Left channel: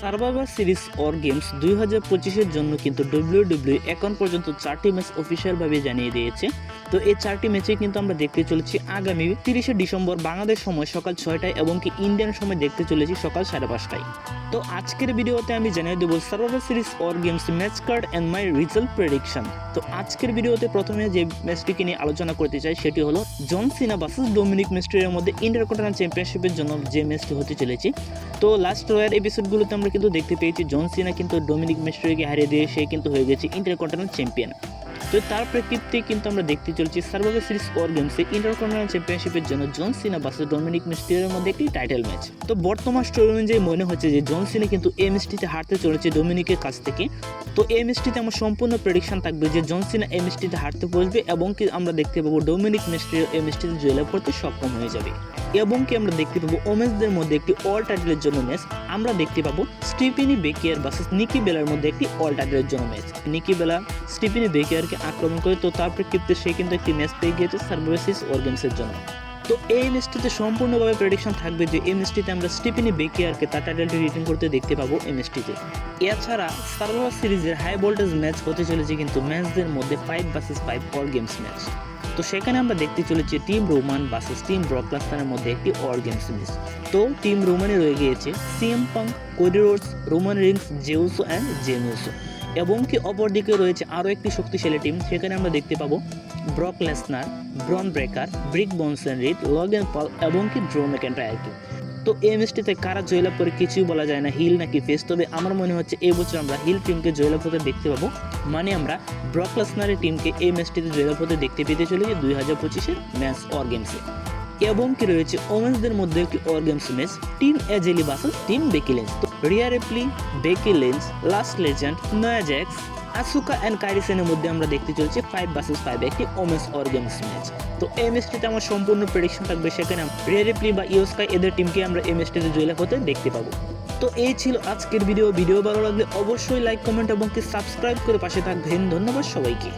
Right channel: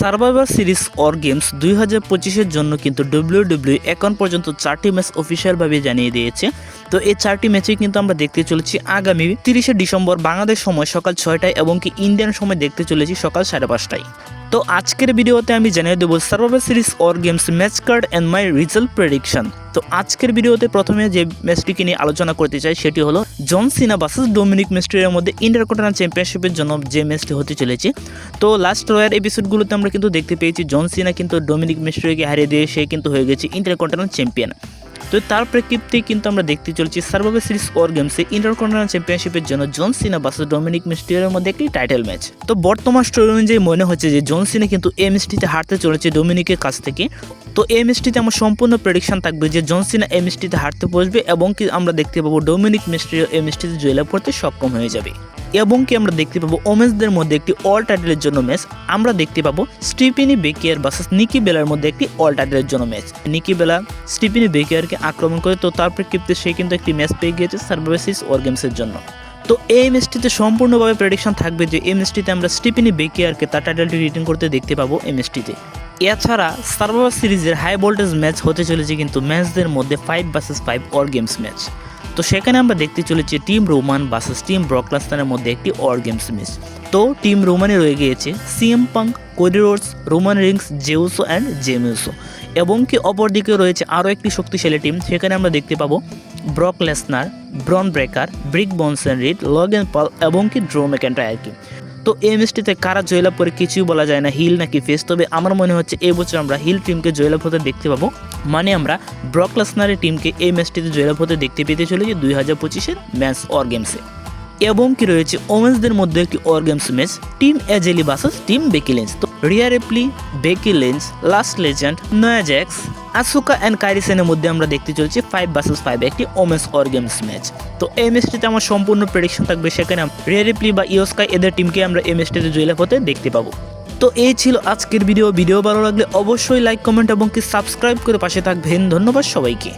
Survivor series or games 2025-এর জন্য কিন্তু WWE এখন পর্যন্ত 4টি ম্যাচ অফিসিয়ালভাবে জানিয়ে দিয়েছে। তো এই 4টি ম্যাচে কিন্তু আমরা দেখতে চলেছি আগামী 30শে ডিসেম্বর বাংলাদেশ সময় সকাল 6টায় এবং কি ইন্ডিয়ান সময় দেখতে চলেছি সকাল 5:30টায়। তো আজকের ভিডিওতে আমি জানিয়ে দেবো survivor series or games match card and my result prediction. তো আজকের ভিডিওতে প্রথমে যে ম্যাচটিকে নিয়ে আলোচনা করতে চাই সেটি হলো জন সিনা ভার্সেস ডোমিনিক মিস্টেরিওর মধ্যে ইন্টারকন্টিনেন্টাল চ্যাম্পিয়নশিপের জন্য যে ম্যাচটি হতে চলেছে। তো লাস্ট রয়্যাল এপিসোডগুলোতে আমরা কিন্তু দেখতে পেয়েছি জন সিনা কিন্তু ডোমিনিক মিস্টেরিওকে হারিয়ে দিয়ে সে কিন্তু হয়ে গেছে ইন্টারকন্টিনেন্টাল চ্যাম্পিয়ন। তো তার প্রেক্ষিতে কিন্তু আমরা দেখতে চলছি সার্ভাইভার সিরিজ অর গেমসে ইন্টারকন্টিনেন্টাল চ্যাম্পিয়নশিপের জন্য জন সিনা ভার্সেস ডোমিনিক মিস্টেরিওর মধ্যে একটি টাইটেল ম্যাচ। তো বর্তমান স্টোরি অনুযায়ী মনে হচ্ছে যে জন সিনা কিন্তু এই ম্যাচটিতে হারতে চলেছে ডোমিনিকের কাছ থেকে। তো এই ম্যাচটিতে আমার সম্পূর্ণ প্রেডিকশন থাকবে যে জন সিনা এই ম্যাচটিতে হারতে বসবে এবং কি আমরা দেখতে পাবো ডোমিনিক মিস্টেরিও এই ম্যাচটিতে জয়লাভ করতে সক্ষম হয়ে যাবে। এবং কি আমরা দেখতে পাবো ওমেন্সদের মধ্যে একটি অল টাইটেলের জন্য ম্যাচ। আমরা দেখতে পাবো স্টিফেনি বেকিয়ার ভার্সেস নিকি বেলার মধ্যে একটি অল টাইটেলের জন্য ম্যাচ। নিকি বেলা স্টিফেনি বেকিয়ারকে আক্রমণ করে, তো তার প্রেক্ষিতে সে কিন্তু একটি ম্যাচ পেয়ে গিয়েছে সার্ভাইভার সিরিজ অর গেমসের জন্য। তো এই ম্যাচটিতে সম্পূর্ণভাবে প্রেডিকশন থাকবে যে এই ম্যাচটিতে আমরা স্টিফেনি বেকিয়ারকে তার টাইটেলটি রিটেন করতে দেখতে পাবো এই ম্যাচটিতে। এছাড়া সার্ভাইভার সিরিজের হাই ভোল্টেজ ম্যাচ হতে চলেছে কিন্তু ম্যাচদের মধ্যে 5 ভার্সেস 5 অর গেমস ম্যাচ। তো সেখানে আমরা দেখতে চলেছি team Roman versus team Brock লেসনারের মধ্যে একটি অর গেমস ম্যাচ। তো টিম রোমানে রয়ে গিয়েছে CM Punk, Cody Rhodes, Roman Reigns, Jey Uso and জেনুসো। এবং কি অপরদিকে রয়েছে আরও একটি শক্তিশালী টিম। সেখানে আমরা দেখতে পাবো ব্রক লেসনার, ব্রন ব্রেকার, ব্রিক বনসন রিড, লগেন পল এবং কি ড্রো ম্যাকইন্টায়ারকে। তো এই ম্যাচটিতে কারা জয়লাভ করে কিছুই বলা যায় না, হিল নাকি ফেস। তবে আমার মনে হচ্ছে এই বছর আমরা হিল টিমকে জয়লাভ হতে দেখতে পাবো। মানে আমরা ব্রক লেসনারের টিমকে এই ম্যাচটিতে জয়লাভ হতে দেখতে পেতে চলেছি 2025-এর ম্যাচ অর গেমসে। এবং কি রয়েছে ওমেন্সদের মধ্যে একটি war games match, team AJ Lee versus team Becky Lynch. তো Rhea Ripley, Becky Lynch, Lash Legend, Nia Jax, Asuka and Kairi সেনের মধ্যে আমরা দেখতে চলছি 5 ভার্সেস 5 একটি ওমেন্স অর গেমস ম্যাচ। তো এই ম্যাচটিতে আমার সম্পূর্ণ প্রেডিকশন থাকবে, সেখানে রিয়া রিপ্লি বা ইয়োস্কাই এদের টিমকে আমরা এই ম্যাচটিতে জয়লাভ হতে দেখতে পাবো। তো এই ছিল আজকের ভিডিও ভালো লাগলে অবশ্যই লাইক, কমেন্ট এবং কি সাবস্ক্রাইব করে পাশে থাকবেন। ধন্যবাদ সবাইকে।